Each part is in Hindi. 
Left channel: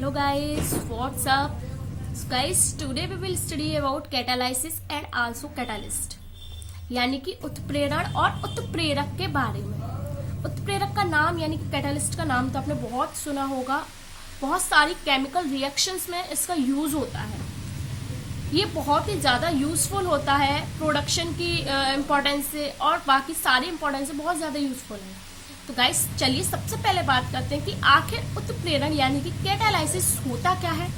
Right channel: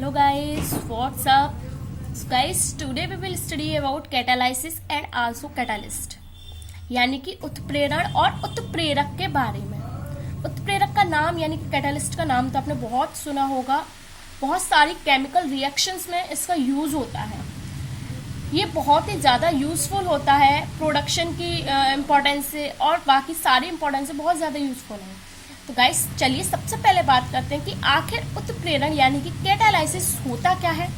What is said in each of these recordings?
Hello guys, what's up? So guys, today we will study about catalysis and also catalyst, यानी कि उत्प्रेरण और उत्प्रेरक के बारे में। उत्प्रेरक का नाम यानी कि कैटालिस्ट का नाम तो आपने बहुत सुना होगा। बहुत सारी केमिकल रिएक्शंस में इसका यूज होता है। ये बहुत ही ज्यादा यूजफुल होता है प्रोडक्शन की इम्पोर्टेंस से, और बाकी सारी इम्पोर्टेंस से बहुत ज्यादा यूजफुल है। तो गाइस चलिए सबसे पहले बात करते हैं कि आखिर उत्प्रेरण यानी कि कैटालाइसिस होता क्या है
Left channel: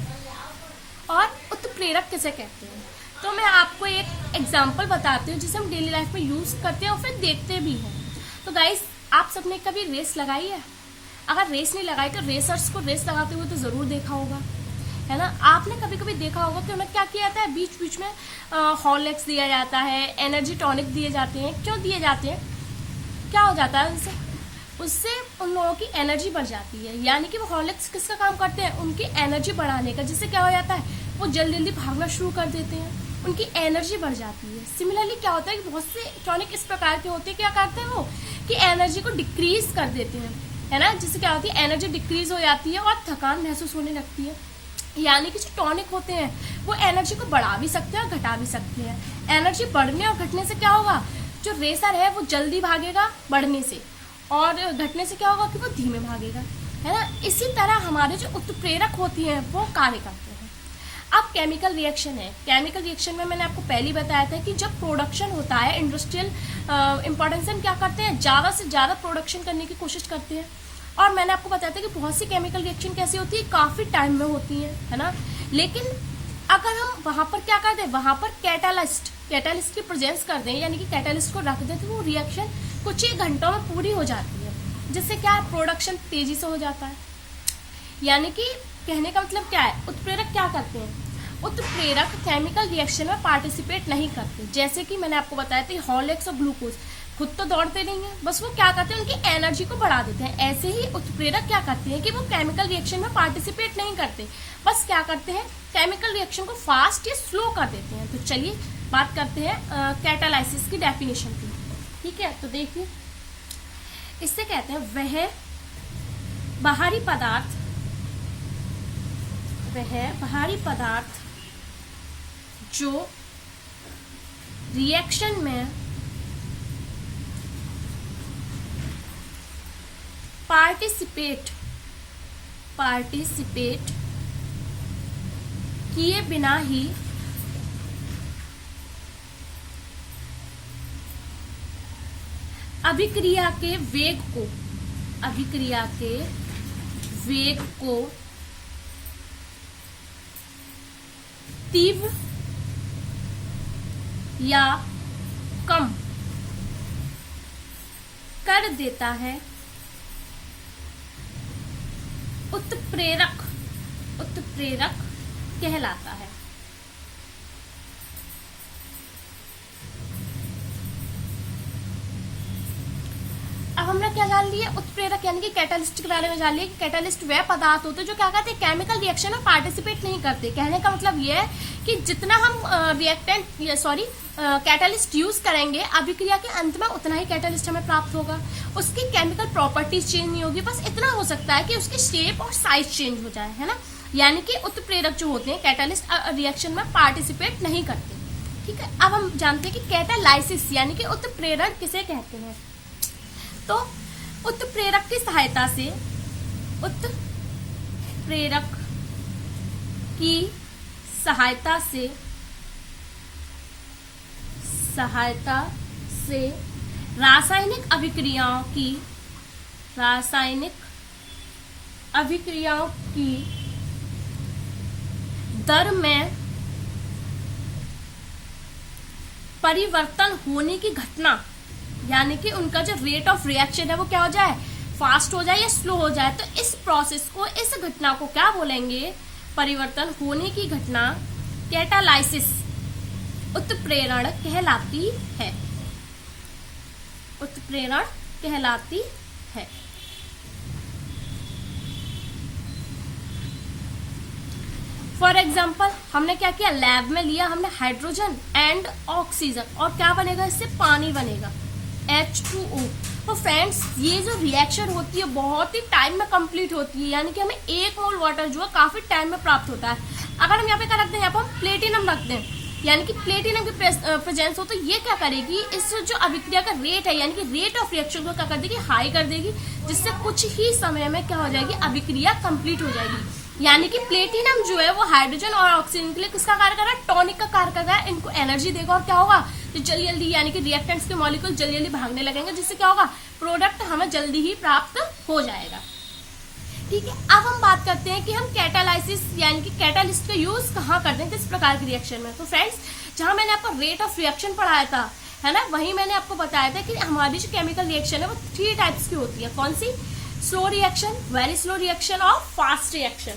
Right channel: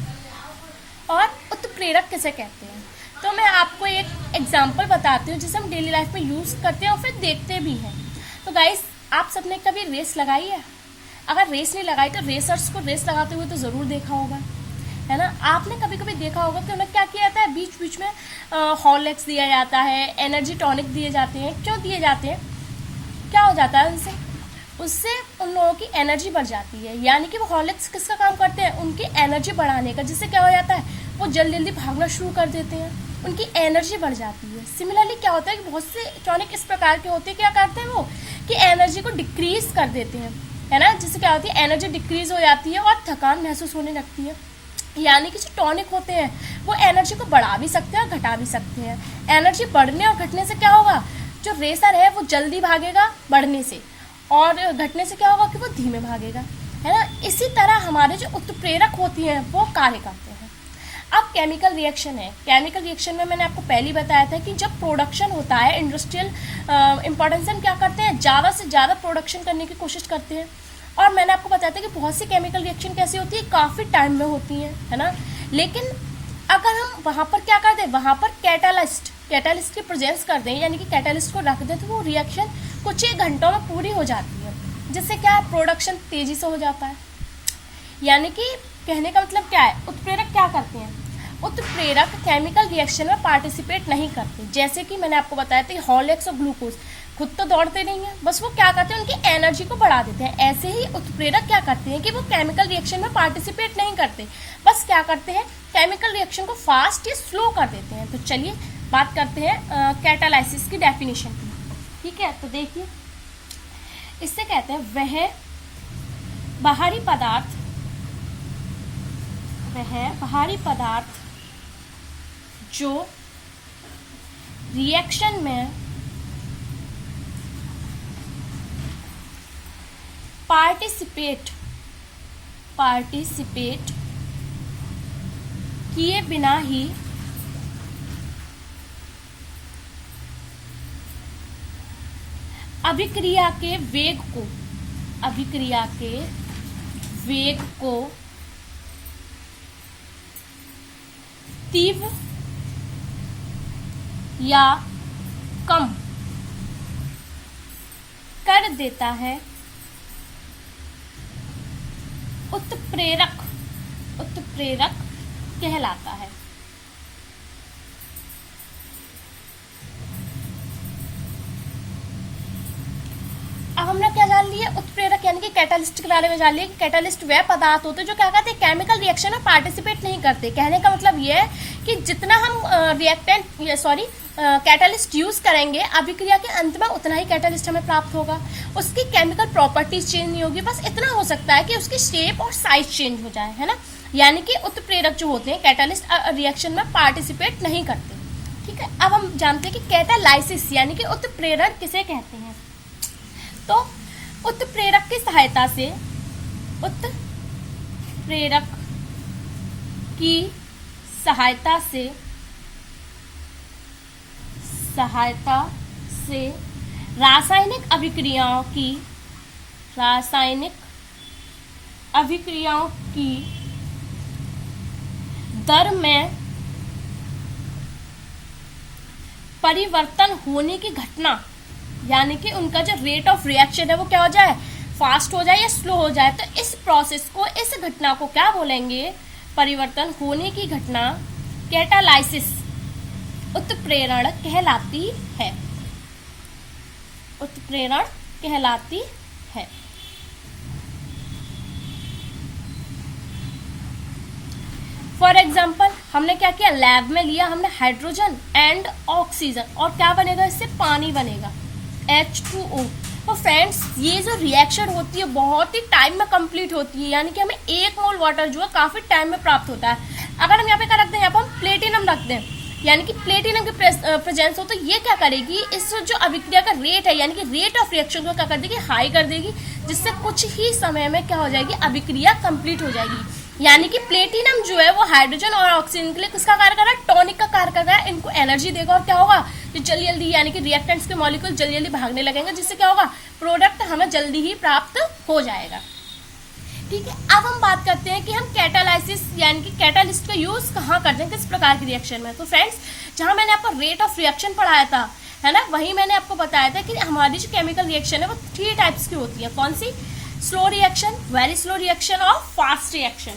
और उत्प्रेरक किसे कहते हैं। तो मैं आपको एक एग्जांपल बताती हूँ जिसे हम डेली लाइफ में यूज करते हैं और फिर देखते भी हैं। तो गाइस आप सबने कभी रेस लगाई है? अगर रेस नहीं लगाई तो रेसर्स को रेस लगाते हुए तो जरूर देखा होगा, है ना। आपने कभी कभी देखा होगा कि उन्हें क्या किया जाता है, बीच बीच में हॉर्लिक्स दिया जाता है, एनर्जी टॉनिक दिए जाते हैं। क्यों दिए जाते हैं? क्या हो जाता है उससे उन लोगों की एनर्जी बढ़ जाती है। यानी कि वो हॉर्लिक्स किसका काम करते हैं? उनकी एनर्जी बढ़ाने का। जिससे क्या हो जाता है, वो जल्दी जल्दी भागना शुरू कर देते हैं, उनकी एनर्जी बढ़ जाती है। सिमिलरली क्या होता है कि बहुत से टॉनिक इस प्रकार के होते हैं, क्या करते हैं वो कि एनर्जी को डिक्रीज कर देते हैं, है ना। जिससे क्या होती है, एनर्जी डिक्रीज हो जाती है और थकान महसूस होने लगती है। यानी कि जो टॉनिक होते हैं वो एनर्जी को बढ़ा भी सकते हैं और घटा भी सकते हैं। एनर्जी बढ़ने और घटने से क्या होगा, जो रेसर है वो जल्दी भागेगा बढ़ने से, और घटने से क्या होगा कि वो धीमे भागेगा, है ना। इसी तरह हमारे जो उत्प्रेरक होती हैं वो कार्य करते हैं। अब केमिकल रिएक्शन है। केमिकल रिएक्शन में मैंने आपको पहले ही बताया था कि जब प्रोडक्शन होता है इंडस्ट्रियल इंपॉर्टेंस, हम क्या करते हैं, ज्यादा से ज्यादा प्रोडक्शन करने की कोशिश करते हैं। और मैंने आपको बताया था कि बहुत सी केमिकल रिएक्शन कैसी होती है, काफी टाइम में होती है ना। लेकिन अगर हम वहां पर क्या कर दें, वहां पर कैटालिस्ट की प्रेजेंस कर दें, यानी कि कैटालिस्ट को रख दें, तो वो रिएक्शन कुछ ही घंटों में पूरी हो जाती है। जिससे क्या है, प्रोडक्शन तेजी से हो जाता है। यानी कि कहने का मतलब क्या है, उत्प्रेरक क्या करते हैं? उत्प्रेरक केमिकल रिएक्शन में पार्टिसिपेट नहीं करते। जैसे कि मैंने आपको बताया था, हॉर्लिक्स और ग्लूकोज खुद तो दौड़ते नहीं है, बस वो क्या करते हैं, उनकी एनर्जी को बढ़ा देते हैं। ऐसे ही उत्प्रेरक क्या करते हैं कि वो केमिकल रिएक्शन में पार्टिसिपेट नहीं करते, बस क्या करते हैं, केमिकल रिएक्शन को फास्ट या स्लो कर देते हैं। तो चलिए बात करते हैं कैटालाइसिस की डेफिनेशन की। ठीक है, तो देखिए इससे कहते हैं वह बाहरी पदार्थ जो रिएक्शन में पार्टिसिपेट किए बिना ही अभिक्रिया के वेग को तीव्र या कम कर देता है, उत्प्रेरक कहलाता है। अब हमने क्या जान लिया, उत्प्रेरक यानी कि कैटालिस्ट के बारे में जान लिया कि कैटालिस्ट वह पदार्थ होते हैं जो क्या करते हैं, केमिकल रिएक्शन में पार्टिसिपेट नहीं करते। कहने का मतलब यह है कि जितना हम कैटालिस्ट यूज करेंगे, अभिक्रिया के अंत में उतना ही कैटालिस्ट हमें प्राप्त होगा। उसकी केमिकल प्रॉपर्टीज चेंज नहीं होगी, बस इतना हो सकता है कि उसकी शेप और साइज चेंज हो जाए, है ना। यानी कि उत्प्रेरक जो होते हैं, कैटालिस्ट रिएक्शन में पार्टिसिपेट नहीं करते। ठीक है, अब हम जानते हैं कि कैटालाइसिस यानी कि उत्प्रेरण किसे कहते हैं। तो उत्प्रेरक की सहायता से रासायनिक अभिक्रियाओं की दर में परिवर्तन होने की घटना, यानी कि उनका जो रेट ऑफ रिएक्शन है वो क्या हो जाए, फास्ट हो जाए या स्लो हो जाए। तो इस प्रोसेस को, इस घटना को क्या बोलेंगे, परिवर्तन होने की घटना, कैटालाइसिस, उत्प्रेरण कहलाती है। फॉर एग्जाम्पल हमने क्या किया, लैब में लिया हमने हाइड्रोजन एंड ऑक्सीजन, और क्या बनेगा, इससे पानी बनेगा। H2O। तो फ्रेंड्स ये जो रिएक्शन होती है बहुत ही टाइम में कंप्लीट होती है, यानी कि हमें 1 मोल वाटर जो है काफी टाइम में प्राप्त होता है। अगर हम यहाँ पे क्या रखते हैं, यहाँ पर हम प्लेटिनम रखते हैं, यानी कि प्लेटिनम की प्रेजेंस हो, तो ये क्या करेगी, इस जो अभिक्रिया का रेट है यानी कि रेट ऑफ रिएक्शन को क्या कर देगी, हाई कर देगी, जिससे कुछ ही समय में क्या हो जाएगी, अभिक्रिया कंप्लीट हो जाएगी। यानी कि प्लेटिनम जो है वो हाइड्रोजन और ऑक्सीजन के लिए किसका कार्य कर रहा है, टॉनिक का कार्य कर रहा है, इनको एनर्जी देगा और क्या होगा, तो जल्दी जल्दी यानी कि रिएक्टेंट्स के मॉलिक्यूल जल्दी जल्दी भागने लगेंगे, जिससे क्या होगा, प्रोडक्ट हमें जल्दी ही प्राप्त हो जाएगा। ठीक है, अब हम बात करते हैं कि हम कैटालाइसिस यानी कि कैटालिस्ट का यूज कहाँ करते हैं, किस प्रकार की रिएक्शन में। तो फ्रेंड्स जहां मैंने आपको रेट ऑफ रिएक्शन पढ़ाया था, है ना, वहीं मैंने आपको बताया था कि हमारी जो केमिकल रिएक्शन है वो 3 टाइप्स की होती है। कौन सी, slow reaction, very slow reaction और फास्ट रिएक्शन,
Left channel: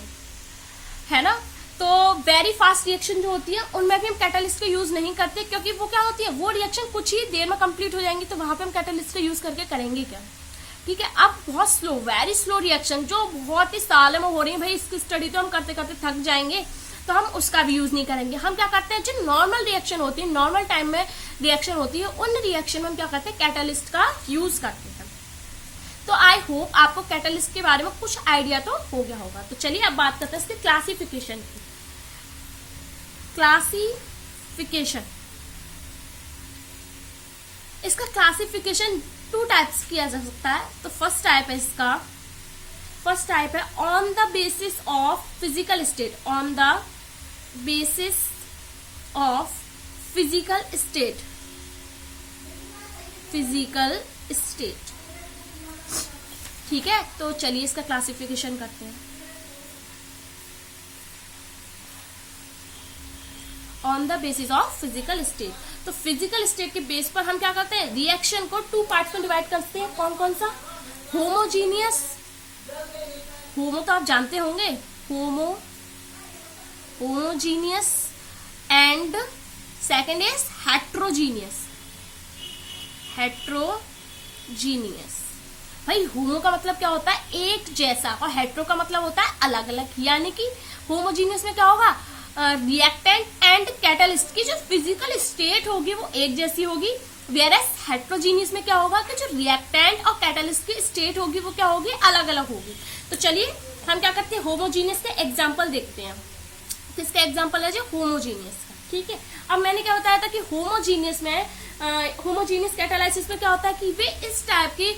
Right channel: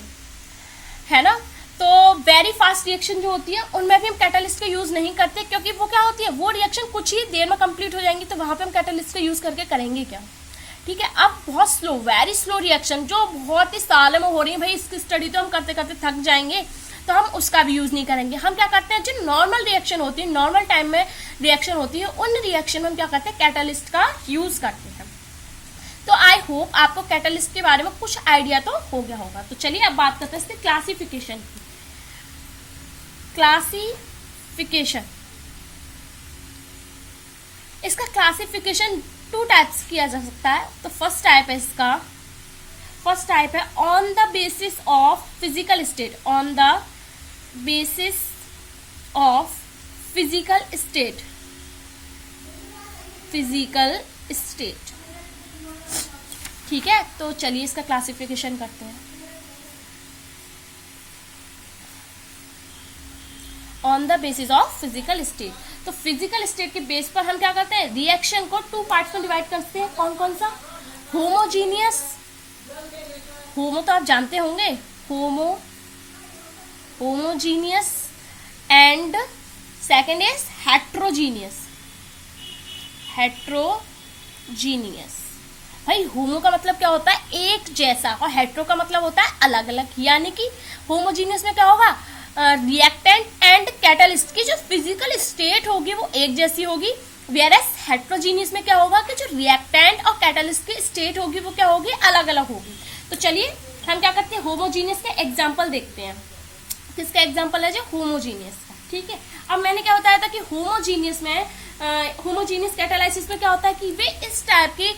है ना। तो वेरी फास्ट रिएक्शन जो होती है उनमें भी हम कैटालिस्ट का यूज नहीं करते, क्योंकि वो क्या होती है, वो रिएक्शन कुछ ही देर में कंप्लीट हो जाएंगी, तो वहां पे हम कैटालिस्ट का यूज करके करेंगे क्या। ठीक है, अब बहुत स्लो, वेरी स्लो रिएक्शन जो बहुत ही सालों में हो रही है, भाई इसकी स्टडी तो हम करते करते थक जाएंगे, तो हम उसका भी यूज नहीं करेंगे। हम क्या करते हैं, जो नॉर्मल रिएक्शन होती है, नॉर्मल टाइम में रिएक्शन होती है, उन रिएक्शन में हम क्या करते हैं, कैटालिस्ट का यूज करते हैं। तो आई होप आपको कैटालिस्ट के बारे में कुछ आइडिया तो हो गया होगा। तो चलिए अब बात करते हैं इसके क्लासिफिकेशन की। क्लासिफिकेशन, इसका क्लासिफिकेशन 2 टाइप्स किया जा सकता है। तो फर्स्ट टाइप है इसका, फर्स्ट टाइप है on the basis of physical state, on the basis of physical state, physical state. ठीक है, तो चलिए इसका क्लासिफिकेशन करते हैं। On the basis of physical state, तो फिजिकल स्टेट के बेस पर हम क्या करते हैं, रिएक्शन को 2 पार्ट्स में डिवाइड करते हैं। कौन कौन सा, होमोजीनियस, होमो तो आप जानते होंगे, homogeneous, and second is heterogeneous, heterogeneous. भाई होमो का मतलब क्या होता है, एक जैसा, और हेट्रो का मतलब होता है अलग अलग। यानी कि होमोजीनियस में क्या होगा, रिएक्टेंट एंड कैटालिस्ट की जो फिजिकल स्टेट होगी वो एक जैसी होगी, वेयरएस हेट्रोजीनियस में क्या होगा कि जो रिएक्टेंट और कैटालिस्ट की स्टेट होगी वो क्या होगी, अलग अलग होगी। तो चलिए हम क्या करते हैं, होमोजीनियस के एग्जाम्पल देखते हैं। किसका एग्जाम्पल है, जो होमोजीनियस का। ठीक है, अब मैंने क्या बताया था कि होमोजीनियस में, होमोजीनियस कैटालाइसिस में क्या होता है कि वे इस टाइप की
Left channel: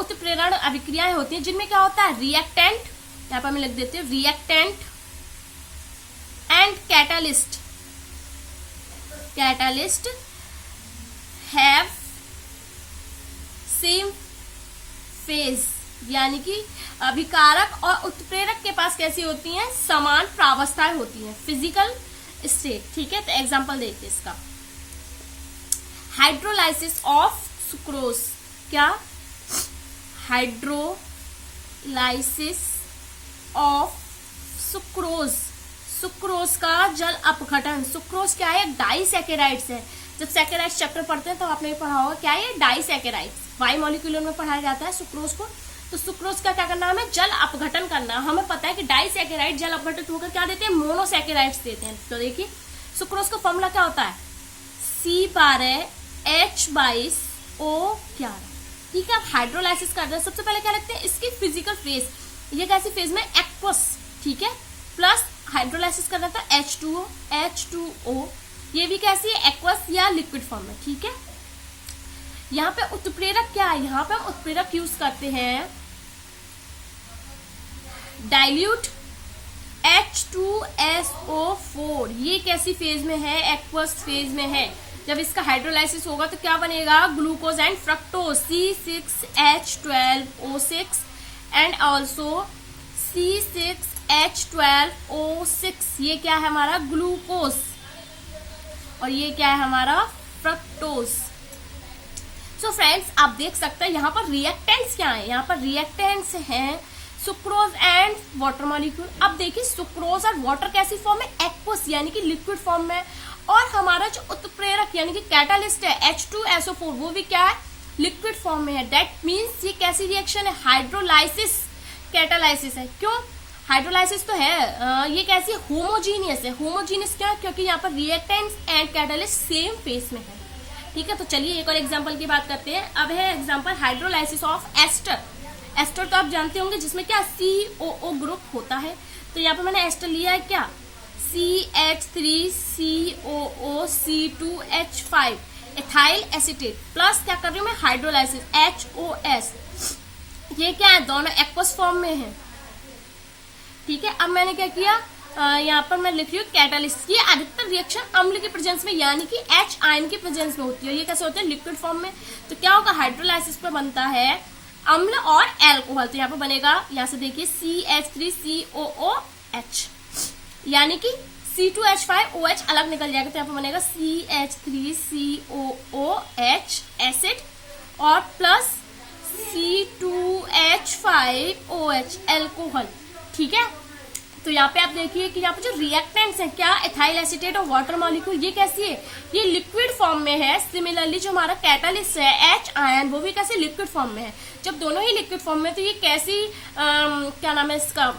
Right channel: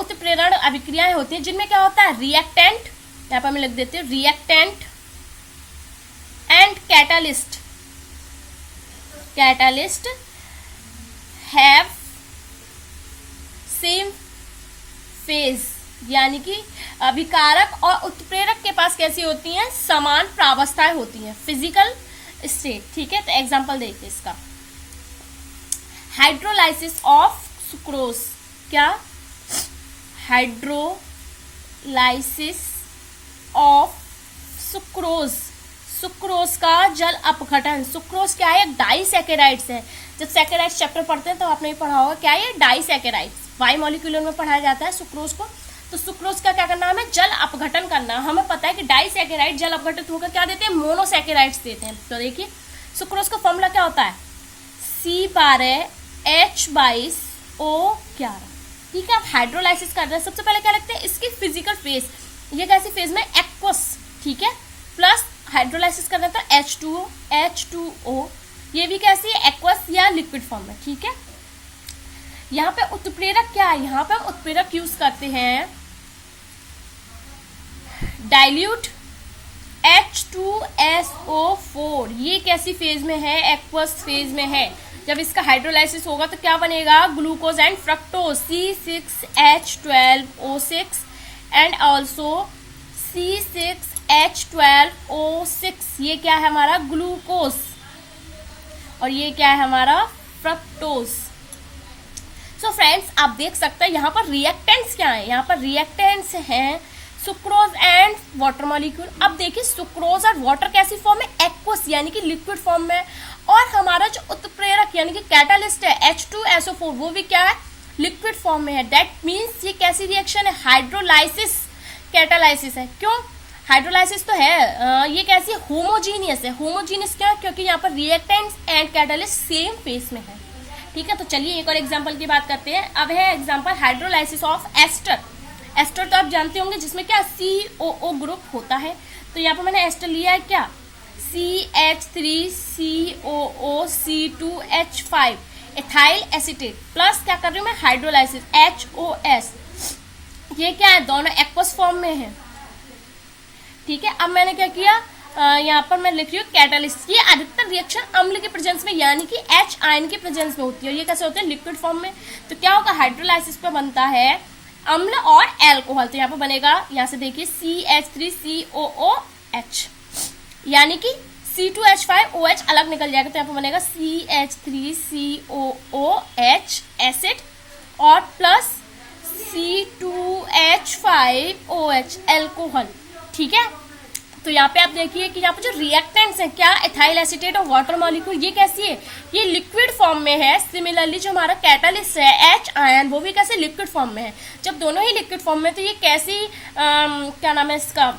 उत्प्रेरण अभिक्रियाएं होती हैं जिनमें क्या होता है, रिएक्टेंट, यहाँ पर मैं लिख देती हूँ, reactant and catalyst, catalyst have same phase, यानी कि अभिकारक और उत्प्रेरक के पास कैसी होती हैं, समान प्रावस्थाएं होती हैं, फिजिकल स्टेट। ठीक है, तो एग्जांपल देखिए इसका, हाइड्रोलाइसिस ऑफ सुक्रोज, क्या, हाइड्रोलाइसिस ऑफ सुक्रोज, सुक्रोज का जल अपघटन। सुक्रोज क्या है, डाइसैकेराइड्स है। जब सैकेराइड्स चैप्टर पढ़ते हैं तो आपने ये पढ़ा होगा, क्या है, डाइसैकेराइड्स, बाइमोलिक्यूलर में पढ़ाया जाता है सुक्रोज को। तो सुक्रोज का क्या करना है, जल अपघटन करना। हमें पता है कि डाइसैकेराइड जल अपघटित होकर क्या देते हैं, मोनोसैकेराइड्स देते हैं। तो देखिए सुक्रोज का फॉर्मूला क्या होता है, C12H22O11। ठीक है, आप हाइड्रोलाइसिस कर रहे हैं, सबसे पहले क्या लगता है, इसकी फिजिकल फेज, ये कैसी फेज में, एक्वस। ठीक है, प्लस हाइड्रोलाइसिस करना था H2O, ये भी कैसी है, एक्वस या लिक्विड फॉर्म में। ठीक है, यहाँ पे उत्प्रेरक क्या है, यहाँ पे हम उत्प्रेरक यूज करते हैं डाइल्यूट H2SO4, ये कैसी फेज में है, एक्वस फेज में है। जब इसका हाइड्रोलाइसिस होगा तो क्या बनेगा, glucose and fructose, C6H12O6 and also C6H12O6, ये क्या है हमारा, ग्लूकोज, और ये क्या है हमारा, फ्रक्टोज। सो फ्रेंड्स आप देख सकते हैं यहाँ पर रिएक्टेंट्स क्या है, यहाँ पर रिएक्टेंट्स हैं सुक्रोज एंड वाटर मॉलिक्यूल। अब देखिए सुक्रोज और वाटर कैसी फॉर्म में, एक्वस यानी कि लिक्विड फॉर्म में, और हमारा जो उत्प्रेरक यानी कि कैटालिस्ट है H2SO4, वो भी क्या है, लिक्विड फॉर्म में है। दैट मीन्स ये कैसी रिएक्शन है, हाइड्रोलाइसिस कैटालाइसिस है। क्यों, हाइड्रोलाइसिस तो है, ये कैसी, होमोजीनियस है। होमोजीनियस क्या है, क्योंकि यहाँ पर reactants and catalyst same face में है। ठीक है, तो चलिए एक और एग्जांपल की बात करते हैं। अब है example hydrolysis of ester. Ester तो आप जानते होंगे जिसमें क्या COO ग्रुप होता है। तो यहाँ पे मैंने एस्टर लिया है क्या, CH3COO C2H5 ethyl acetate plus क्या कर रही हूँ मैं, हाइड्रोलाइसिस HOS। ये क्या है, दोनों एक्वस फॉर्म में है। ठीक है, अब मैंने क्या किया, यहाँ पर मैं लिख रही हूँ कैटालिस्ट। ये अधिकतर रिएक्शन अम्ल के प्रेजेंस में यानी कि H आयन के प्रेजेंस में होती है। ये कैसे होते हैं, लिक्विड फॉर्म में। तो क्या होगा, हाइड्रोलाइसिस पे बनता है अम्ल और एल्कोहल। तो यहाँ पे बनेगा, यहाँ से देखिए CH3COOH यानी कि C2H5OH अलग निकल जाएगा। तो यहाँ पे बनेगा CH3COOH एसिड और प्लस C2H5OH एल्कोहल। ठीक है, तो यहाँ पे आप देखिए कि यहाँ पे जो रिएक्टेंट्स है क्या, एथाइल एसीटेट और वाटर मॉलिक्यूल, ये कैसी है, ये लिक्विड फॉर्म में है। सिमिलरली जो हमारा कैटालिस्ट है H आयन, वो भी कैसे लिक्विड फॉर्म में है। जब दोनों ही लिक्विड फॉर्म में, तो ये कैसी क्या नाम है इसका,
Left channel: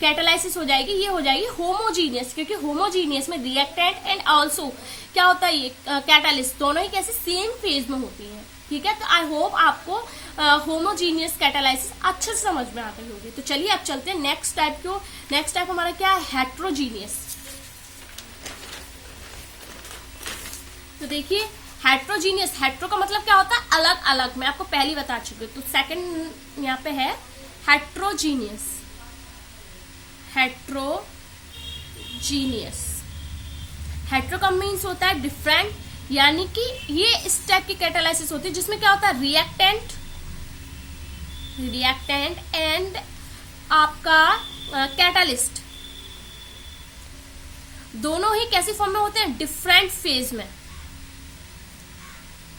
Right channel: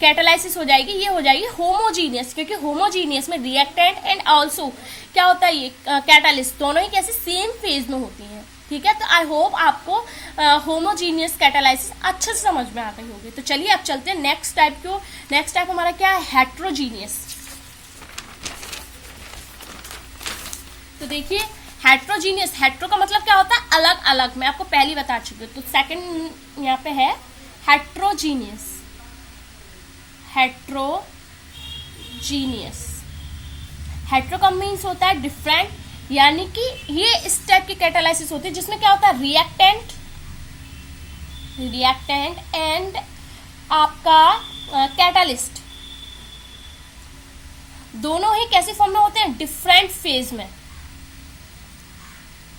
कैटालाइसिस हो जाएगी, ये हो जाएगी होमोजीनियस, क्योंकि होमोजीनियस में रिएक्टेंट एंड ऑल्सो क्या होता है, ये कैटालिस्ट दोनों ही कैसे सेम फेज में होती है। ठीक है, तो आई होप आपको होमोजीनियस कैटालाइसिस अच्छे से समझ में आ गई होगी। तो चलिए अब चलते हैं नेक्स्ट टाइप को। नेक्स्ट टाइप हमारा क्या है, हेट्रोजीनियस। तो देखिए हेट्रोजीनियस, हेट्रो का मतलब क्या होता है, अलग अलग। मैं आपको पहले बता चुकी हूँ। तो सेकंड यहाँ पे है हेट्रोजीनियस। हेट्रोजीनियस, हेट्रो का मीन्स होता है डिफरेंट, यानी कि ये इस टाइप की कैटालाइसिस होती है जिसमें क्या होता है, रिएक्टेंट एंड आपका कैटालिस्ट दोनों ही कैसी फॉर्म में होते हैं, डिफरेंट फेज में,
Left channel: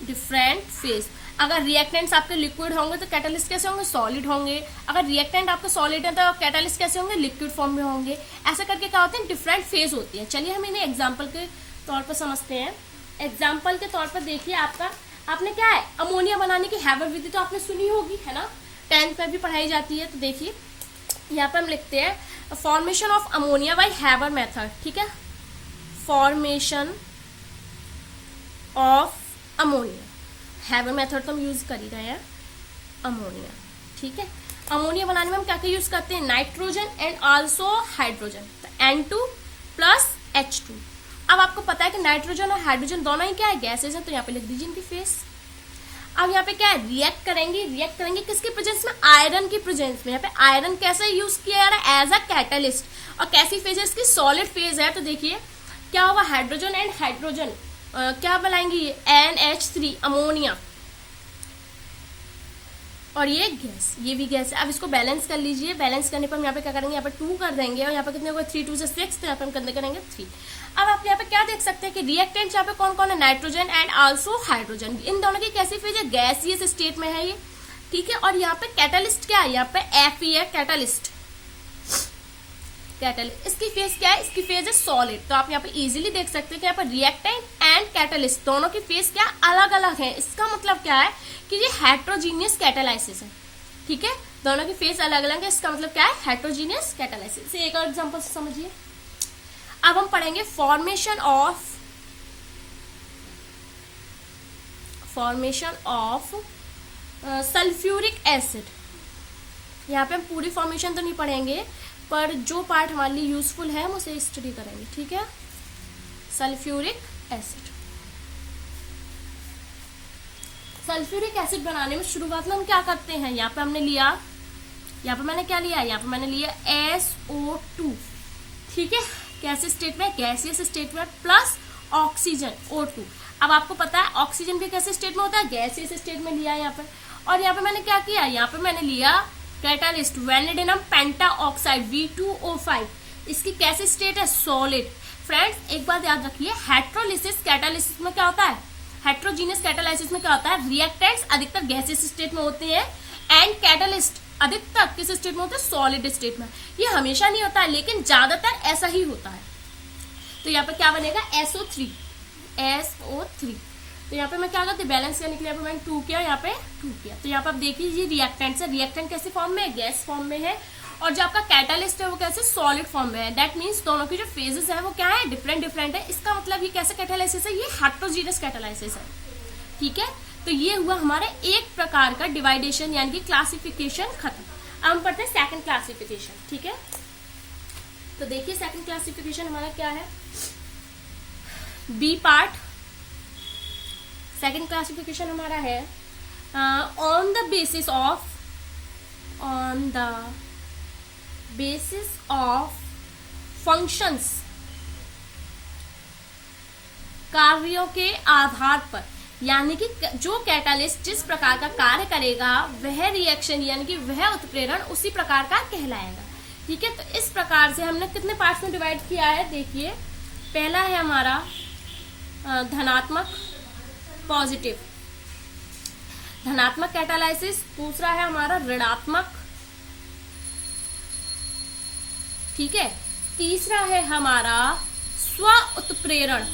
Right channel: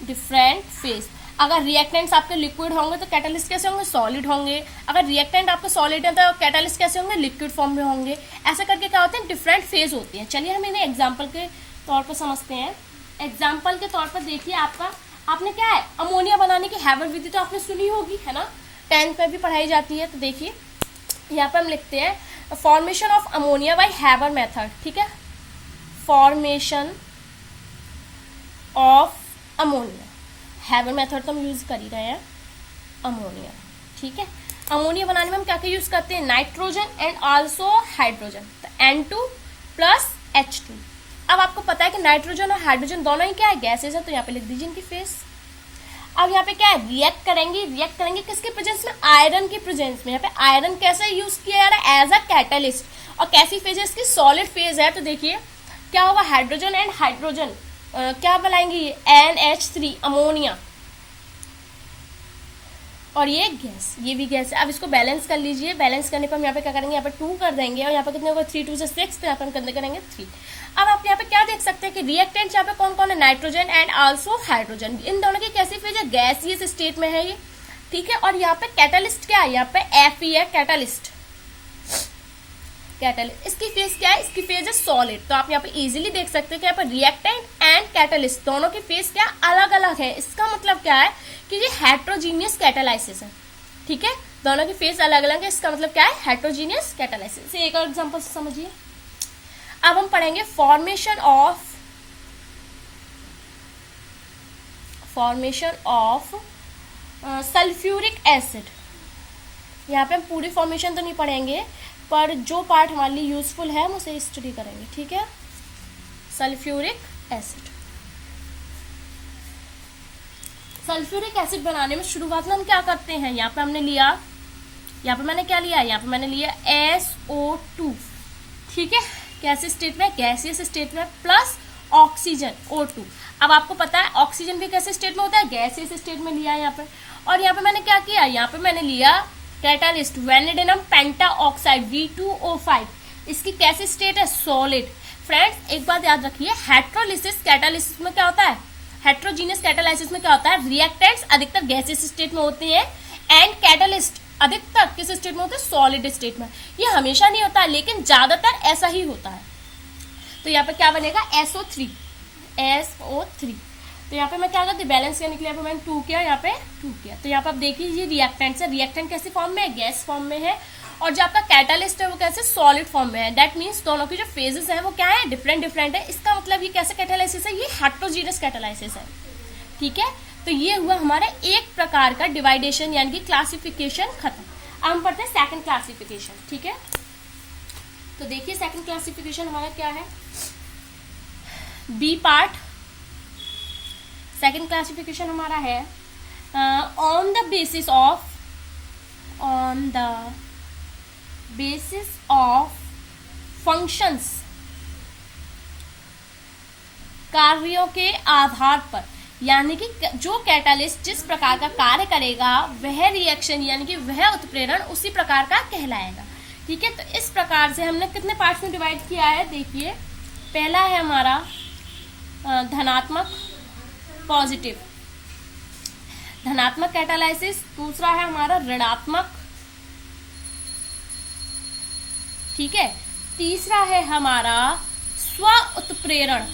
डिफरेंट फेज। अगर रिएक्टेंट्स आपके लिक्विड होंगे तो कैटालिस्ट कैसे होंगे, सॉलिड होंगे। अगर रिएक्टेंट आपके सॉलिड है तो कैटालिस्ट कैसे होंगे, लिक्विड फॉर्म में होंगे। ऐसे करके क्या होते हैं, डिफरेंट फेज होती है। चलिए हम इन्हें एग्जाम्पल के तौर पर समझते हैं। एग्जाम्पल के तौर पर देखिए, आपने क्या है, अमोनिया बनाने की हैबर विधि तो आपने सुनी होगी, है ना, 10th में भी पढ़ाई जाती है। तो देखिए यहाँ पे हम लिखते हैं formation of ammonia bye Haber method. ठीक है, formation of ammonia, Haber method तो हम यूज कर ही रहे हैं, अमोनिया। ठीक है, अमोनिया बनाने में हम क्या क्या यूज करते हैं, नाइट्रोजन एंड आल्सो हाइड्रोजन। तो N2 प्लस H2। अब आपको पता है कि नाइट्रोजन और हाइड्रोजन दोनों ही क्या है, गैसेज है। तो यहाँ पे लिख दीजिए इनकी फेस। अब यहाँ पे क्या है, रिएक्ट करेंगे किसके प्रेजेंस में, आयरन की प्रेजेंस में। यहाँ पे आयरन कैसे यूज किया जा रहा है, एज अ कैटलिस्ट। और कैसी फेज है इसकी, सॉलिड फेज है। तो देखिए क्या होगा, हाइड्रोजन एंड हाइड्रोजन क्या बनाएंगे, NH3 अमोनिया, और ये गैस, ये भी गैस है। अब इसको बैलेंस कर लीजिए। बैलेंस करने पर हम यहाँ पे क्या करेंगे, यहाँ पे 2 कर देंगे और यहाँ पे कितने होगा, 3 2 से 6, तो यहाँ पे हम कितने करेंगे 3। अब आप यहाँ पे क्या देख सकते हैं कि रिएक्टेंट यहाँ पे कौन कौन है, नाइट्रोजन एंड आल्सो हाइड्रोजन। इन दोनों की कैसी फेज है, गैसियस स्टेट में है ये। ठीक है, और यहाँ पे कैटालिस्ट क्या है, यहाँ पे Fe है, कैटालिस्ट। इसकी फेज क्या है, इसकी फेज है सॉलिड। तो आप यहाँ पे इजीली देख सकते हैं कि यहाँ पे रिएक्टेंट एंड कैटालिस्ट दोनों की फेज क्या अलग अलग है। इसका मतलब क्या है कि ये हेट्रोजीनियस कैटालाइसिस है। ठीक है, दोनों की फेज अलग अलग है, इसका मतलब क्या है, हेट्रोजीनियस कैटालाइसिस। एक और एग्जांपल से समझिए। अब हम पढ़ेंगे फॉर्मेशन ऑफ सल्फ्यूरिक एसिड। यहाँ पे हम पूरी फॉर्मेशन तो नहीं पढ़ेंगे, पर जो पार्ट हमारे लिए यूजफुल है हम उसे स्टडी करेंगे। ठीक है, सल्फ्यूरिक एसिड। सल्फ्यूरिक एसिड बनाने में शुरुआत में हम क्या करते हैं, यहाँ पे हमने लिया, यहाँ पे मैंने क्या लिया, यहाँ पे मैंने लिया SO2। ठीक है, कैसे स्टेट में, गैसियस स्टेट में, प्लस ऑक्सीजन O2। अब आपको पता है ऑक्सीजन भी कैसे स्टेट में होता है, गैसियस स्टेट में लिया यहाँ पे। और यहाँ पे मैंने क्या किया, यहाँ पे मैंने लिया कैटालिस्ट वैनिडिनम पेंटाऑक्साइड V2O5। इसकी कैसी स्टेट है, सॉलिड। फ्रेंड्स एक बात याद रखिए, हेट्रोलिसिस कैटालिसिस में क्या होता है, हेट्रोजीनियस कैटालाइसिस में क्या होता है, रिएक्टेंट्स अधिकतर गैसियस स्टेट में होते हैं एंड कैटालिस्ट अधिकतर किस स्टेट में होते हैं, सॉलिड स्टेट में। ये हमेशा नहीं होता है, लेकिन ज्यादातर ऐसा ही होता है। तो यहाँ पे क्या बनेगा, SO3। तो यहाँ पे मैं क्या करती, बैलेंस करने के लिए यहाँ पे मैंने 2 किया, यहाँ पे 2 किया। तो यहाँ पे आप देखिए ये रिएक्टेंट है, रिएक्टेंट कैसी फॉर्म में है, गैस फॉर्म में है। और जो आपका कैटालिस्ट है वो कैसे, सॉलिड फॉर्म में है। दैट मीन्स दोनों की जो फेजेस है वो क्या है, डिफरेंट है। इसका मतलब ये कैसे कैटालाइसिस है, ये हेट्रोजीनियस कैटालाइसिस है। ठीक है, तो ये हुआ हमारा एक प्रकार का डिवाइडेशन यानी कि क्लासिफिकेशन खत्म। अब हम पढ़ते हैं सेकंड क्लासिफिकेशन। ठीक है, तो देखिए सेकंड क्लासिफिकेशन हमारा क्या है, बी पार्ट। सेकंड क्लासिफिकेशन हमारा है on the basis of functions, कार्यों के आधार पर, यानी कि जो कैटालिस्ट जिस प्रकार का कार्य करेगा वह रिएक्शन यानी कि वह उत्प्रेरण उसी प्रकार का कहलाएगा। ठीक है, तो इस प्रकार से हमने कितने पार्ट्स में डिवाइड किया है, देखिए पहला है हमारा धनात्मक पॉजिटिव, धनात्मक कैटालाइसिस। दूसरा है हमारा ऋणात्मक, ठीक है। तीसरा है हमारा स्व उत्प्रेरण,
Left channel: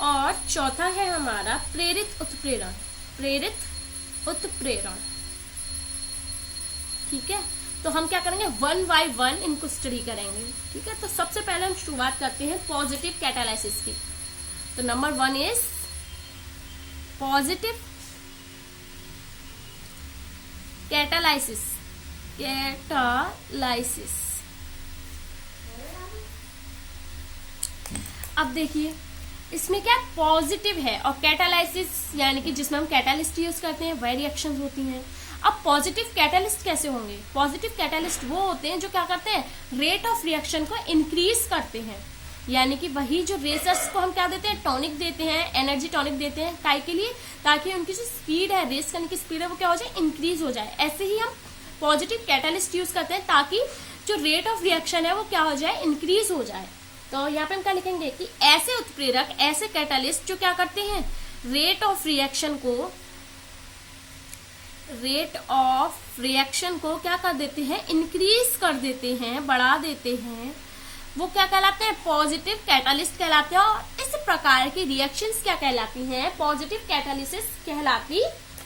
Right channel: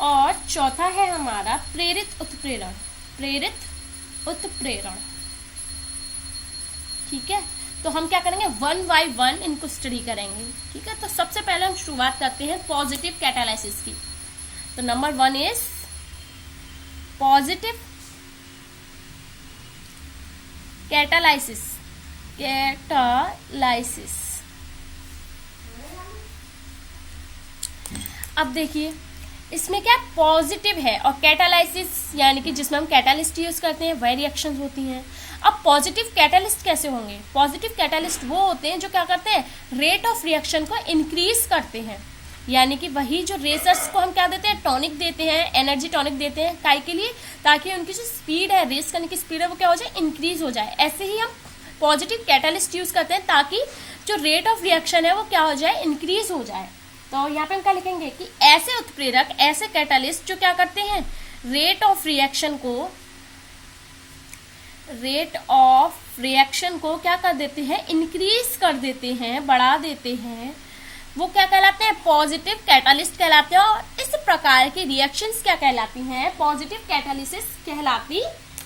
और चौथा है हमारा प्रेरित उत्प्रेरण, ठीक है। तो हम क्या करेंगे, वन बाय वन इनको स्टडी करेंगे। ठीक है, तो सबसे पहले हम शुरुआत करते हैं पॉजिटिव कैटालाइसिस की। तो नंबर 1 इज पॉजिटिव कैटालाइसिस। अब देखिए इसमें क्या पॉजिटिव है और कैटालाइसिस यानी कि जिसमें हम कैटालिस्ट यूज करते हैं वह रिएक्शंस होती हैं। अब पॉजिटिव कैटालिस्ट कैसे होंगे, पॉजिटिव कैटालिस्ट वो होते हैं जो क्या करते हैं, रेट ऑफ रिएक्शन को इंक्रीज करते हैं, यानी कि वही जो रेसर्स को हम क्या देते हैं, टॉनिक देते हैं, एनर्जी टॉनिक देते हैं, काय के लिए, ताकि उनकी जो स्पीड है, रेस करने की स्पीड है वो क्या हो जाए, इंक्रीज हो जाए। ऐसे ही हम पॉजिटिव कैटालिस्ट यूज करते हैं ताकि जो रेट ऑफ रिएक्शन है वो क्या हो जाए, इंक्रीज हो जाए। तो यहाँ पे हम क्या लिखेंगे कि ऐसे उत्प्रेरक, ऐसे कैटालिस्ट जो क्या करते हैं, रेट ऑफ रिएक्शन को क्या कर देते हैं, इंक्रीज कर देते हैं, बढ़ा देते हैं, वो क्या कहलाते हैं, पॉजिटिव कैटालिस्ट कहलाते हैं। और इस प्रकार की रिएक्शंस क्या कहलाती हैं, पॉजिटिव कैटालिसिस कहलाती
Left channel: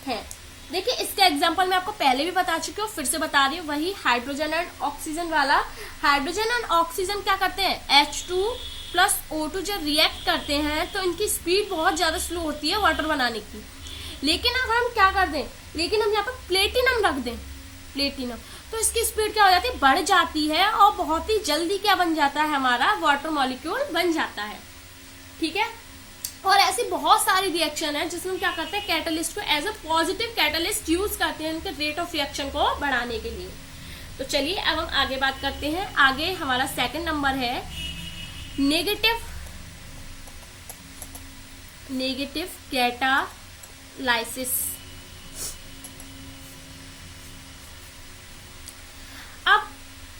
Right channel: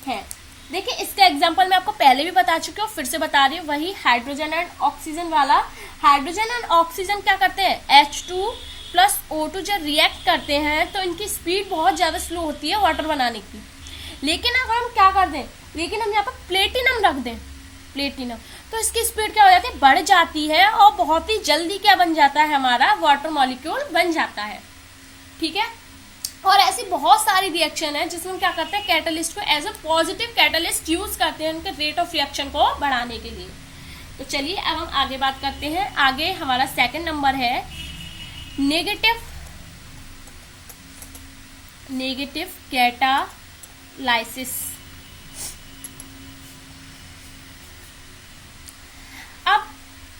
हैं। देखिए इसका एग्जांपल मैं आपको पहले भी बता चुकी हूँ, फिर से बता रही हूँ, वही हाइड्रोजन एंड ऑक्सीजन वाला। हाइड्रोजन एंड ऑक्सीजन क्या करते हैं, H2 प्लस O2 जब रिएक्ट करते हैं तो इनकी स्पीड बहुत ज्यादा स्लो होती है वाटर बनाने की। लेकिन अगर हम क्या कर दें, लेकिन हम यहाँ पर प्लेटिनम रख दें, प्लेटिनम, तो इसकी स्पीड क्या हो जाती है, बढ़ जाती है और बहुत ही जल्दी क्या बन जाता है, हमारा वाटर मॉलिक्यूल बन जाता है। ठीक है, और ऐसी बहुत सारी रिएक्शन है जिसमें क्या करते हैं, कैटालिस्ट को as a positive catalyst use करते हैं उनके रेट ऑफ रिएक्शन को बढ़ाने के लिए। तो चलिए अब हम आगे बात करते हैं। आगे हमारा सेकंड नंबर है नेगेटिव कैटालाइसिस। अब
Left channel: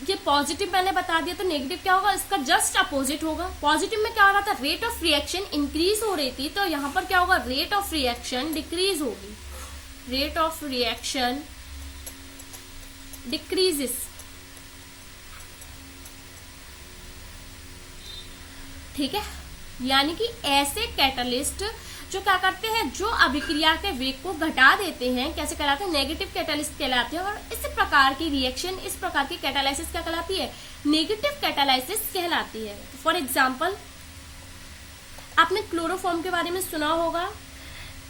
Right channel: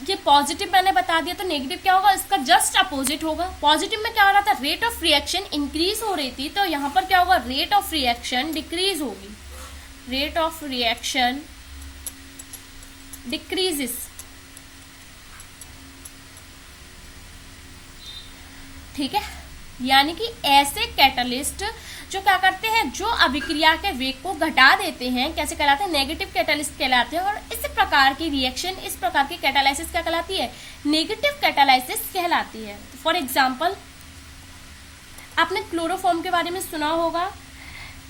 ये पॉजिटिव मैंने बता दिया, तो नेगेटिव क्या होगा, इसका जस्ट अपोजिट होगा। पॉजिटिव में क्या हो रहा था, रेट ऑफ रिएक्शन इंक्रीज हो रही थी, तो यहां पर क्या होगा, रेट ऑफ रिएक्शन डिक्रीज होगी, रेट ऑफ रिएक्शन डिक्रीजेस। ठीक है, यानी कि ऐसे कैटालिस्ट जो क्या करते हैं, जो अभिक्रिया के वेग को घटा देते हैं, कैसे कहलाते हैं, नेगेटिव कैटालिस्ट कहलाते हैं। और इस प्रकार की रिएक्शन, इस प्रकार की कैटालाइसिस क्या कहलाती है, नेगेटिव कैटालाइसिस कहलाती है। फॉर एग्जांपल आपने क्लोरोफॉर्म के बारे में सुना होगा,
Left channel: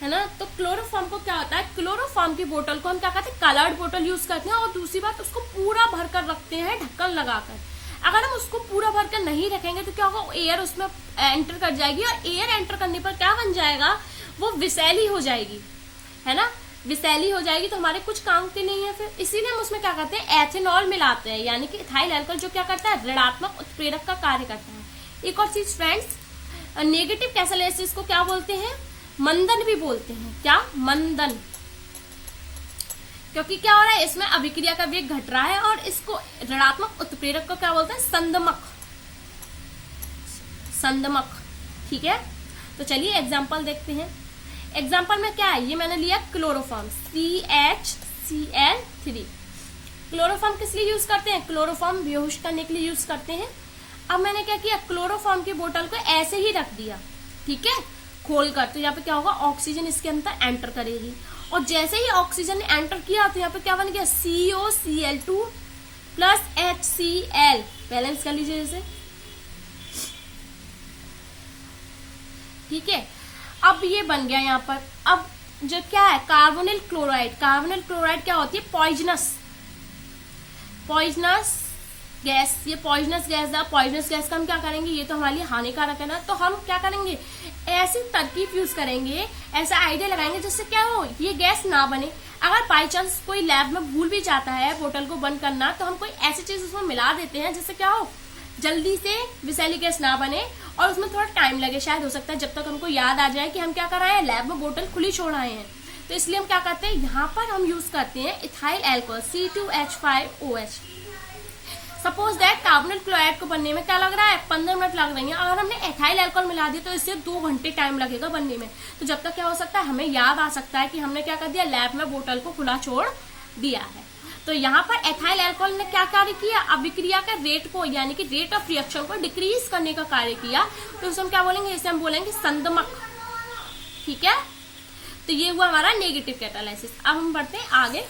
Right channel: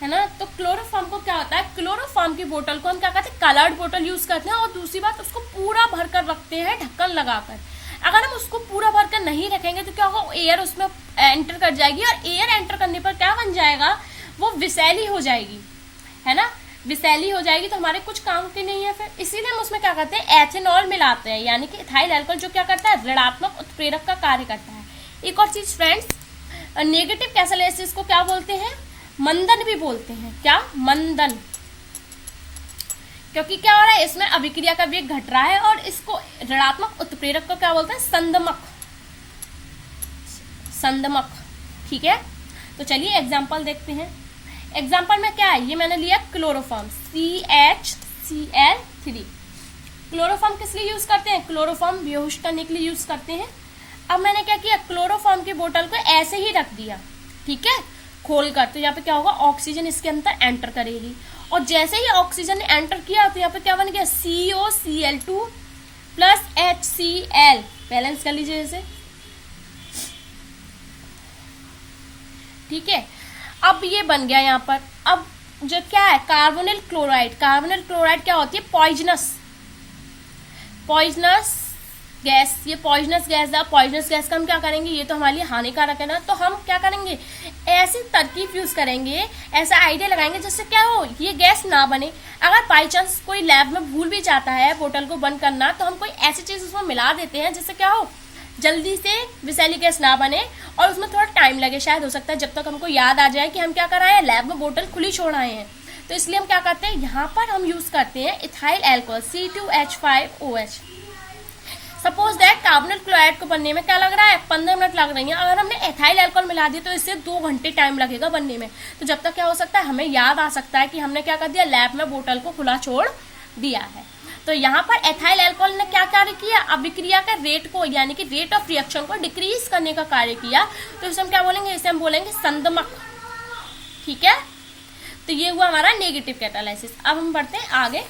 है ना। तो क्लोरोफॉर्म को क्या होता है, क्लोरोफॉर्म की बोतल को हम क्या करते हैं, कलर्ड बोतल यूज करते हैं। और दूसरी बात, उसको पूरा भरकर रखते हैं ढक्कन लगाकर। अगर हम उसको पूरा भरकर नहीं रखेंगे तो क्या होगा, एयर उसमें एंटर कर जाएगी, और एयर एंटर करने पर क्या बन जाएगा, वो विषैली हो जाएगी, है ना, विषैली हो जाएगी, तो हमारे कुछ काम की नहीं है फिर। इसीलिए हम उसमें क्या करते हैं, एथेनॉल मिलाते हैं, यानी कि इथाइल अल्कोहल, जो क्या करता है, ऋणात्मक उत्प्रेरक का कार्य करता है। एक और चीज फ्रेंड्स, नेगेटिव कैटालाइसिस को क्या बोलते हैं, मंदन भी बोलते हैं। क्या, मंदन, क्योंकि क्या हो रहा है, इसमें अभिक्रिया का वेग घट रहा है। और इसको ऋणात्मक उत्प्रेरक को क्या बोलते हैं, संदमक। ठीक है, तो चलिए एग्जांपल देखते हैं। एग्जांपल में क्या है, ये मैंने लिया क्लोरोफॉर्म, CHCl3। क्लोरोफॉर्म किस लिए यूज करते हैं, क्लोरोफॉर्म बेहोश करने के लिए यूज करते हैं। अब मैंने क्या किया, क्लोरोफॉर्म की बोतल को ऐसे ही रख दिया, ठीक है, खोलकर। तो यहाँ पे क्या होगा, ऑक्सीजन इसके अंदर एंटर करेगी, और जैसे ही ऑक्सीजन ने एंटर किया तो यहाँ पे क्या बन गया, COCl2 प्लस HCl। बैलेंस कर लीजिए जैसे, ठीक है, अब ये बन गया यहाँ पर। अब जो क्या है, कार्बोनिल क्लोराइड। कार्बोनिल क्लोराइड क्या होती है, पॉइजनस गैस। ये पॉइजनस गैस है। पॉइजनस गैस का हम क्या करेंगे, ये तो हमारे लिए हानिकारक है ना, तो हम क्या करेंगे, ऐसी तरकीब यूज करेंगे, ऐसा आइडिया लगाएंगे जिससे क्या हो, ये गैस ना बने। अगर बाई चांस कोई लैब में भूल भी जाता है बोतल को बंद करना, तो हम कोई ऐसी चीज उसमें मिला देते हैं जिससे क्या हो, जल्दी से विषैली गैस ना बने, और उसमें थोड़ा टाइम लगे, शायद हो सकता है जब तक हमको याद आ जाए कि हम क्या कर रहे हैं, लैब में बोतल खुली छोड़ आए हैं। तो इसलिए हम क्या करते हैं, यहाँ पर हम यूज करते हैं ethyl alcohol C2H5OH। Suppose that carbonyl chloride को बनने में क्या लग रहा है, 15 मिनट लग रही है। अगर हमने एथाइल अल्कोहल मिला दिया तो इससे 2 घंटे टाइम लगेगा बनने में। तो जब तक क्या हो सकता है, हमें याद आ सकता है कि हमने क्या कर दिया, लैब में बोतल को खुला छोड़ दिया है। तो यहाँ पर एथाइल अल्कोहल ने क्या कार्य किया, अभिक्रिया का रेट को, यानी कि रेट ऑफ रिएक्शन को डिक्रीज करने का कार्य किया। तो इसे हम क्या बोलेंगे, इसे हम बोलेंगे संदमक। ठीक है, तो ये हुआ हमारा नेगेटिव कैटालाइसिस। अब हम बढ़ते हैं आगे।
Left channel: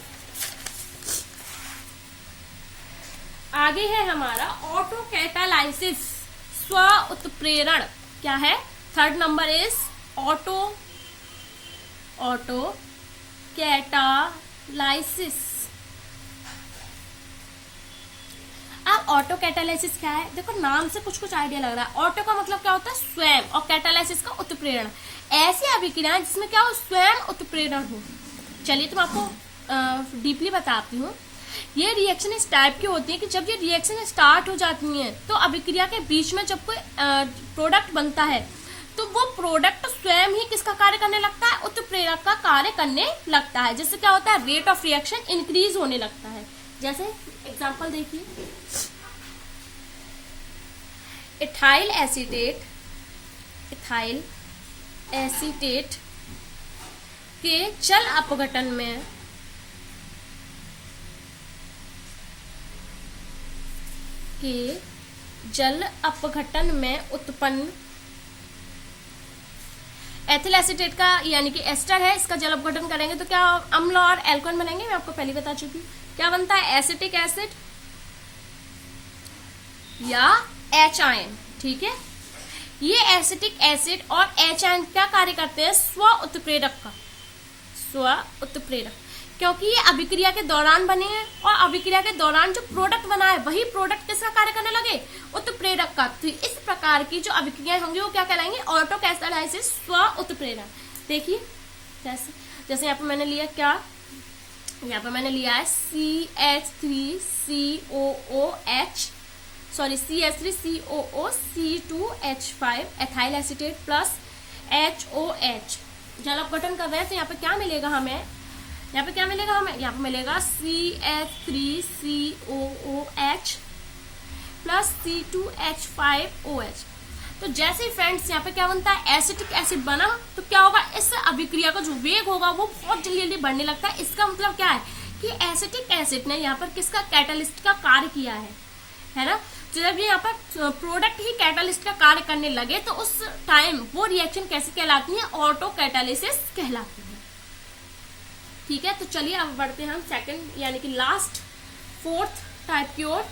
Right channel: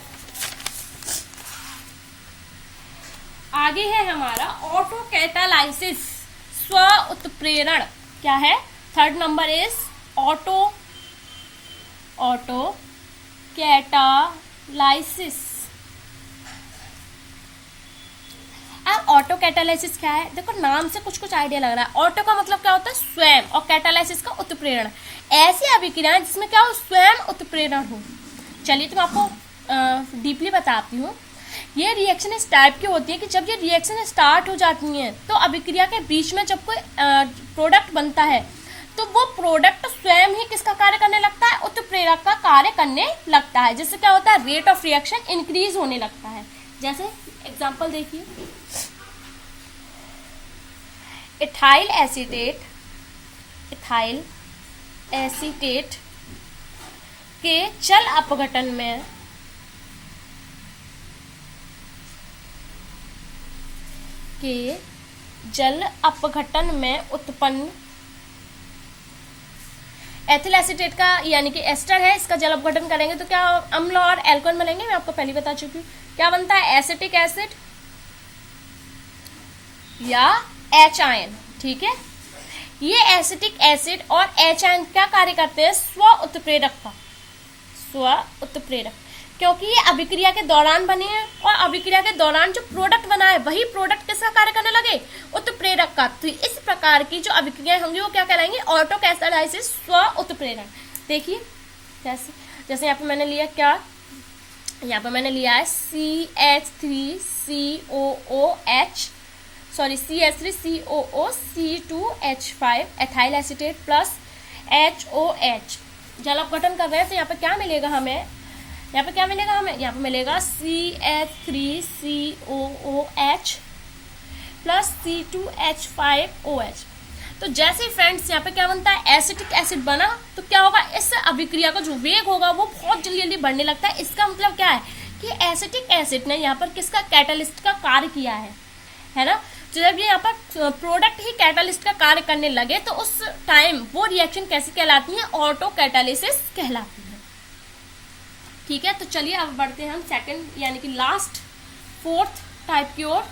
आगे है हमारा ऑटो कैटालाइसिस, स्व उत्प्रेरण। क्या है, third number is auto catalysis. अब ऑटो कैटालाइसिस क्या है, देखो नाम से कुछ कुछ आइडिया लग रहा है। ऑटो का मतलब क्या होता है, स्वयं, और कैटालाइसिस का उत्प्रेरण। ऐसी अभिक्रिया जिसमें क्या हो, स्वयं उत्प्रेरण हो। चलिए तो मैं आपको डीपली बताती हूँ। ये रिएक्शन इस टाइप की होती है कि जब ये रिएक्शन स्टार्ट हो जाती है, तो अभिक्रिया के बीच में जब कोई प्रोडक्ट बनता है, तो वो प्रोडक्ट स्वयं ही किसका कार्य करने लगता है, उत्प्रेरक का कार्य करने लगता है, जिससे क्या होता है, रेट ऑफ रिएक्शन इंक्रीज होने लगता है। जैसे एग्जांपल देखिए, इथाइल एसीटेट के जल अपघटन में उत्पन्न एथिल एसीटेट का, यानी कि एस्टर है, इसका जल अपघटन करेंगे तो क्या अम्ल और एल्कोहल बनेंगे। मैं आपको पहले बता चुकी हूँ क्या बनता है, एसिटिक एसिड या एच आयन। ठीक है, ये एसिटिक एसिड और एच आयन क्या कार्य करते हैं, स्व उत्प्रेरक, क्योंकि ये अभिक्रिया के दौरान बने हैं, और अभिक्रिया के दौरान जो प्रोडक्ट बना है वही प्रोडक्ट किसका कार्य करने लगे, उत्प्रेरक का। तो इस प्रकार की जो अभिक्रियाएं होंगी वो क्या कहलाएंगे, ऑटो कैटालाइसिस, स्व उत्प्रेरण। देखिए जैसे यहाँ पे मैंने लिया क्या, यहाँ पे मैंने लिया है CH3COOC2H5 ethyl acetate plus HOH, जल अपघटन कर रहे हैं। तो यहाँ पे क्या मिलेगा हमें, यहाँ पे मिलेगा CH3COOH प्लस C2H5OH। तो जैसे फ्रेंड्स यहाँ पे क्या बनता है, एसिटिक एसिड बना, तो क्या होगा, इस अभिक्रिया का जो वेग होगा वो बहुत जल्दी जल्दी बढ़ने लगता है। इसका मतलब क्या है कि एसिटिक एसिड ने यहाँ पर किसका, कैटालिस्ट का कार्य किया है ना। जब ये यहाँ पर प्रोडक्ट ही कैटालिस्ट का कार्य करने लगे, तो उस टाइम वो रिएक्शन कैसी कहलाती है, ऑटो कैटालिसिस कहलाती है। ठीक है, तो चलिए अब बढ़ते हैं हम सेकंड, यानी कि लास्ट फोर्थ टाइप की ओर।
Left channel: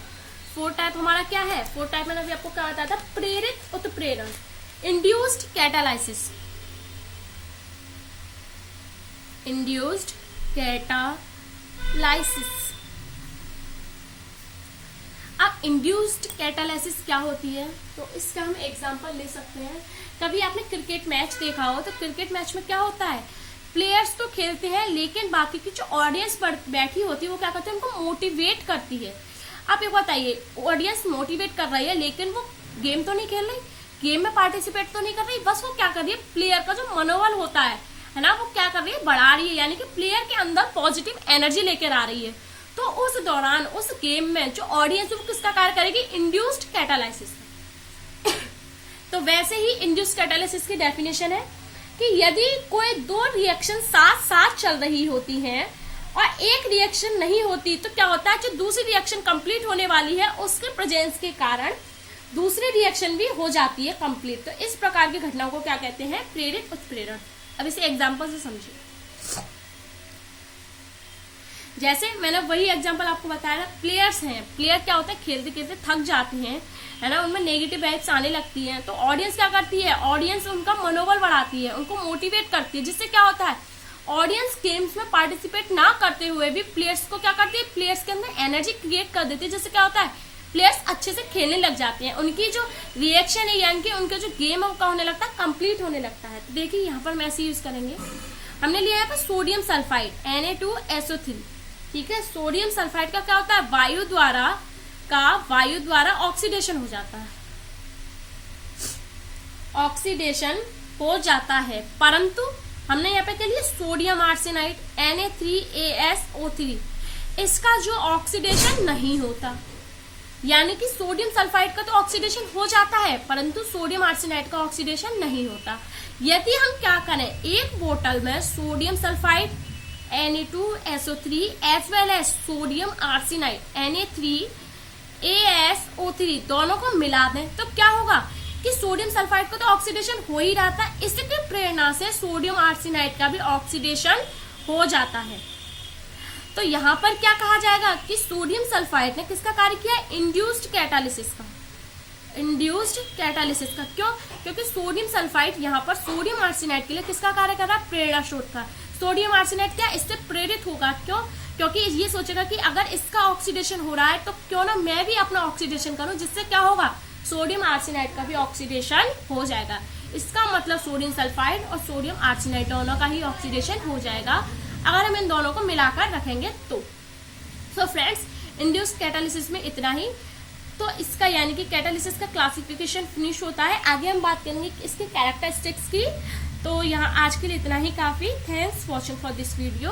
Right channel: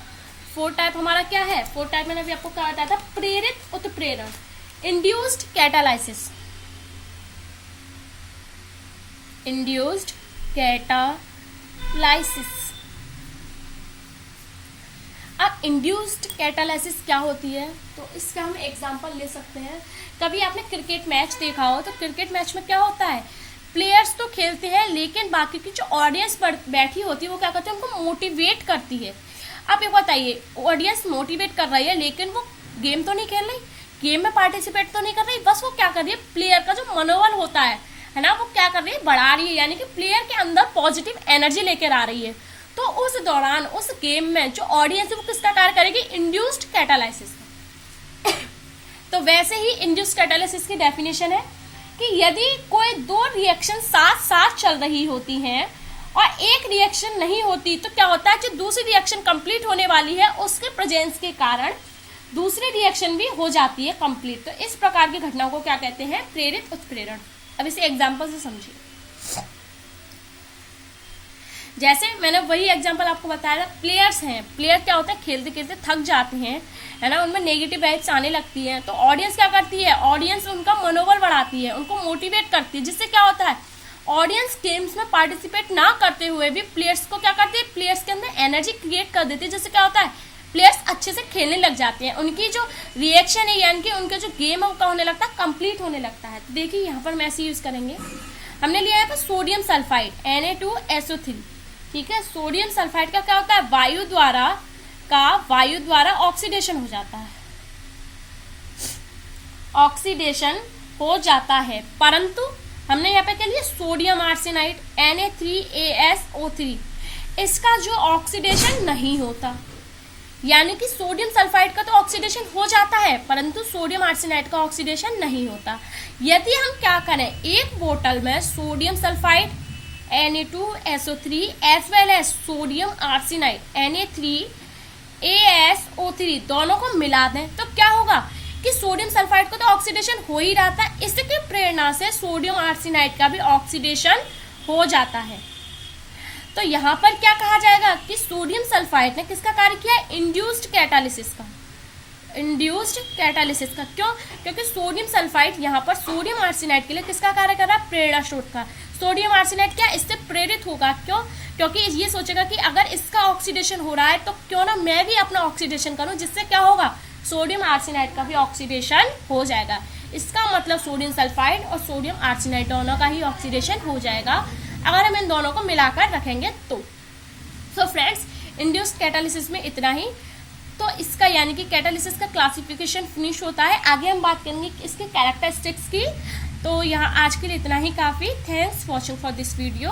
फोर्थ टाइप हमारा क्या है, फोर्थ टाइप मैंने अभी आपको क्या बताया था, प्रेरित उत्प्रेरण, इंड्यूस्ड कैटालाइसिस। अब इंड्यूस्ड कैटालाइसिस क्या होती है, तो इसका हम एग्जांपल ले सकते हैं। कभी आपने क्रिकेट मैच देखा हो, तो क्रिकेट मैच में क्या होता है, प्लेयर्स तो खेलते हैं, लेकिन बाकी की जो ऑडियंस बैठी होती है वो क्या करती है, उनको मोटिवेट करती है। आप ये बताइए, ऑडियंस मोटिवेट कर रही है, लेकिन वो गेम तो नहीं खेल रही, गेम में पार्टिसिपेट तो नहीं कर रही, बस वो क्या कर रही है, प्लेयर का जो मनोबल होता है ना, वो क्या कर रही है, बढ़ा रही है, यानी कि प्लेयर के अंदर पॉजिटिव एनर्जी लेकर आ रही है। तो उस दौरान उस गेम में जो ऑडियंस है वो किसका कार्य करेगी, इंड्यूस्ड कैटालाइसिस। तो वैसे ही इंड्यूस्ड कैटालाइसिस की डेफिनेशन है कि यदि कोई दो रिएक्शन साथ साथ चल रही होती हैं और एक रिएक्शन नहीं होती, तो क्या होता है, जो दूसरी रिएक्शन कंप्लीट होने वाली है उसके प्रेजेंस के कारण दूसरी रिएक्शन भी हो जाती है कंप्लीट। तो इस प्रकार की घटनाओं को क्या कहते हैं, प्रेरित उत्प्रेरण। अब इसे एग्जांपल से समझिए। जैसे मैंने वही एग्जांपल आपको बताया, प्लेयर्स हैं, प्लेयर क्या होता है, खेलते खेलते थक जाते हैं, है ना, उनमें नेगेटिव वाइब्स आने लगती हैं, तो ऑडियंस क्या करती है, ऑडियंस उनका मनोबल बढ़ाती है, उनको मोटिवेट करती है, जिससे क्या होता है ऑडियंस गेम्स में पार्टिसिपेट ना करते हुए भी प्लेयर्स को क्या करती है, प्लेयर्स के अंदर एनर्जी क्रिएट कर देती है, जिससे क्या होता है प्लेयर्स अच्छे से खेलने लग जाते हैं, उनकी जो रिएक्शन है यानी कि उनका जो गेम है वो होने लगता है, कंप्लीट होने लगता है। तो देखिए यहाँ पर हम ऐसे यूज करेंगे, हमने लिया है सोडियम सल्फाइड Na2SO3, ठीक है। सोडियम सल्फाइड का क्या होता है, वायु द्वारा ऑक्सीडेशन हो जाता है, ऑक्सीडेशन हो जाता है, परंतु हमने यहाँ पे क्या लिया सोडियम आर्सेनाइड Na3ASO3, इसका जो ऑक्सीडेशन नहीं होता, यानी कि सोडियम सल्फाइड का तो ऑक्सीडेशन हो जाता है परंतु सोडियम आर्सेनाइड का ऑक्सीडेशन नहीं होता। यदि हम क्या करें, एक बोतल में sodium sulphide Na2SO3 as well as sodium arsenide Na3ASO3 दोनों को मिला दें, तो क्या होगा कि सोडियम सल्फाइड को तो ऑक्सीडेशन हो ही रहा था, इसकी प्रेरणा से सोडियम आर्सेनाइड का भी ऑक्सीडेशन हो जाता है। तो यहाँ पर क्या कहा जाएगा कि सोडियम सल्फाइड ने किसका कार्य किया, इंड्यूस्ड कैटालिसिस का, इंड्यूस्ड कैटालिसिस का। क्यों, क्योंकि सोडियम सल्फाइड यहाँ पर सोडियम आर्सेनाइड के लिए किसका कार्य कर रहा है, प्रेरणा स्रोत का। सोडियम आर्सेनाइड क्या इससे प्रेरित होगा, क्यों, क्योंकि ये सोचेगा कि अगर इसका ऑक्सीडेशन हो रहा है तो क्यों ना मैं भी अपना ऑक्सीडेशन करूं, जिससे क्या होगा सोडियम आर्सेनाइड का भी ऑक्सीडेशन हो जाएगा। इसका मतलब सोडियम सल्फाइड और सोडियम आर्सेनाइड दोनों का ही ऑक्सीडेशन हो जाएगा अगर हम इन दोनों को मिलाकर रखेंगे तो। फ्रेंड्स, इंड्यूस्ड कैटालिसिस में इतना ही, तो इसका यानी कि कैटालिसिस का क्लासिफिकेशन फिनिश होता है। आगे हम बात करेंगे इसकी कैरेक्टरिस्टिक्स की। तो यहाँ आज के लिए इतना ही काफी। Thanks watching for this video.